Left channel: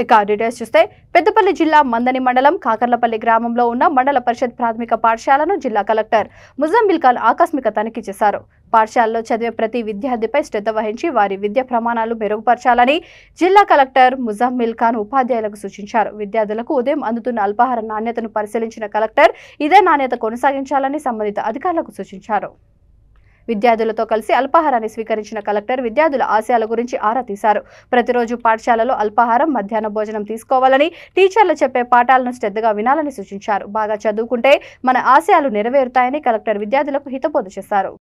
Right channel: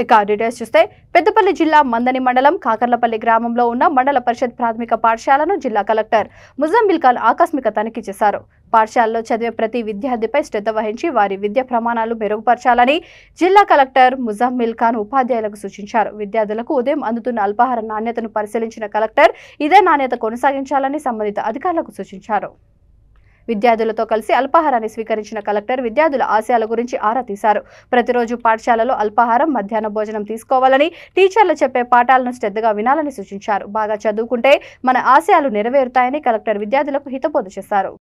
ఇక డీటెయిల్స్ చూస్తే పెద్దపల్లి జిల్లా మందని మండలం కాకర్లపల్లి గ్రామంలో ఉన్న మండల పరిషత్ ప్రాథమిక పాఠశాలను జిల్లా కలెక్టర్ ముజమ్మిల్ ఖాన్ ఆకస్మిక తనిఖీ చేశారు. పాఠశాలలో చదివే ప్రతి విద్యార్థిపై శ్రద్ధ వహించి వారి విద్యా ప్రమాణాలు మెరుగుపరచాలని జిల్లా కలెక్టర్ ముజమ్మిల్ ఖాన్ ఉపాధ్యాయులకు సూచించారు. విద్యార్థులకు ఉదయం అందుతున్న అల్పాహార నాణ్యతను పరిశీలించిన కలెక్టర్ ఇదే నాణ్యత కొనసాగించాలని సంబంధిత అధికారులకు సూచించారు. విద్యార్థులతో కలిసి అల్పాహారాన్ని స్వీకరించిన కలెక్టర్ విద్యార్థుల ఆశయాల గురించి ఆరా తీశారు. ప్రతిరోజు పాఠశాలలో అల్పాహారం, మధ్యాహ్న భోజనం తీసుకోవాలని, టీచర్లు చెప్పే పాఠాలను శ్రద్ధగా వినాలని సూచించారు. బాగా చదువుకుంటే మన ఆశయాలు నెరవేరుతాయని కలెక్టర్ విద్యార్థులకు హితబోధ చేశారు.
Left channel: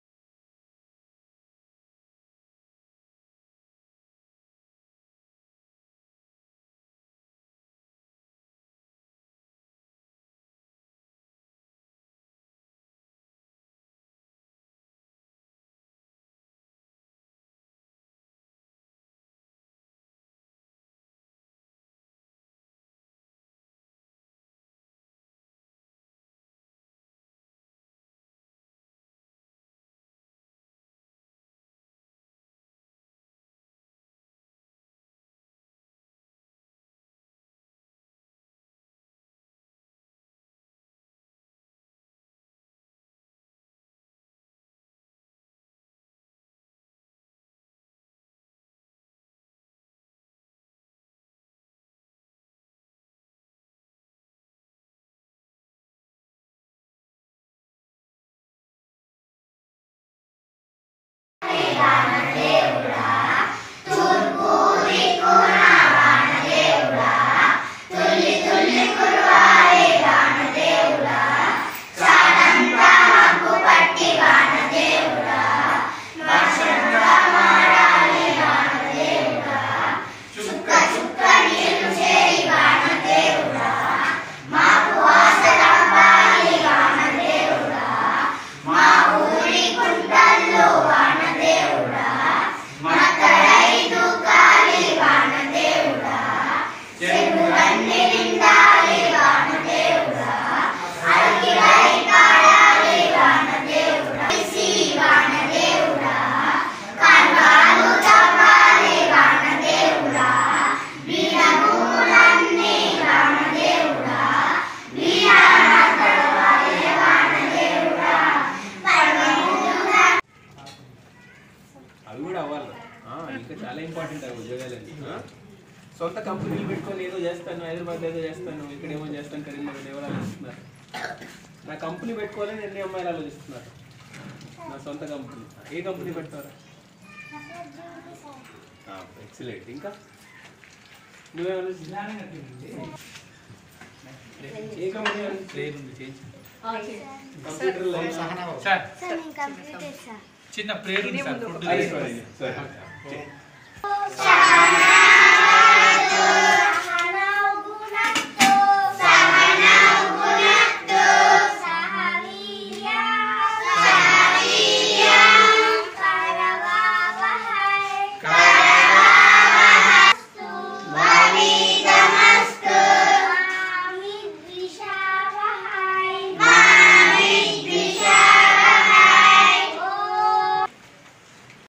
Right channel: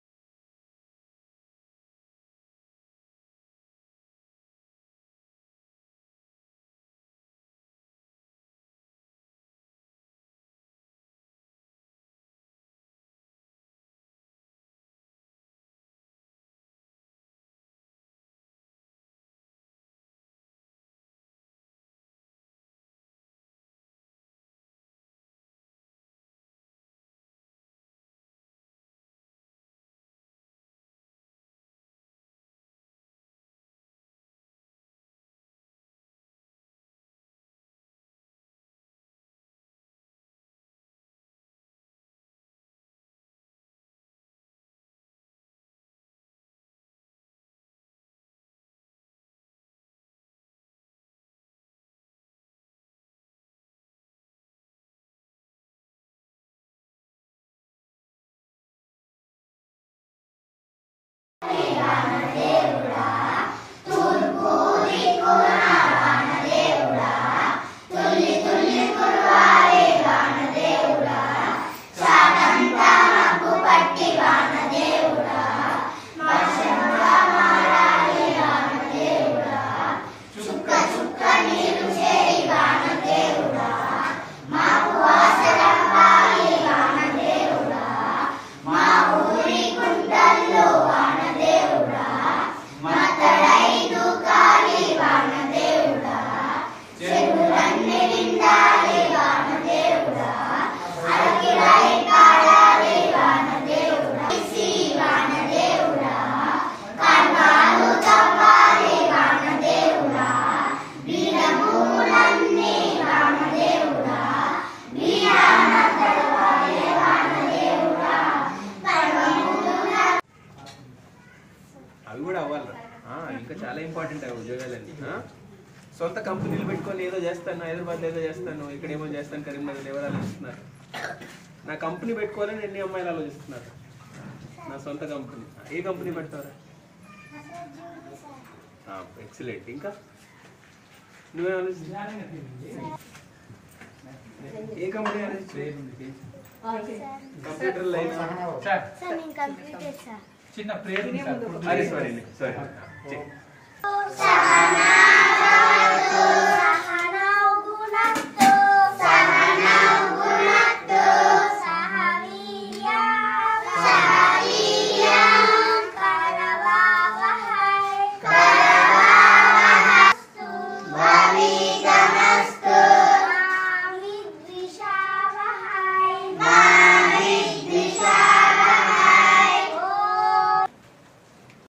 అవి కూడా అవ్వాలి. ఇంకా చాలా ఇంపార్టెంట్ అవి ఉద్యోగాలని. సొంత కంపెనీలు పెట్టుకొని ఏదో చేస్తాను, హైదరాబాద్లో ఏదో చేస్తాను, ఇక్కడ ఏమో చేస్తాను, కరీంనగర్ ఎవరు ఆలోచిస్తున్నారు? నా కంపెనీ పెట్టుకోవాలని ఎన్ని అమ్మాయిలు ఆలోచిస్తున్నారు? నా సొంత కంపెనీ. ఏ కంపెనీ పెడతారా? ఎక్సలెంట్. ఇంకా నువ్వే ఆలోచిస్తున్నా? ఏ కంపెనీ కంప్యూటర్ చిన్న ప్రేరు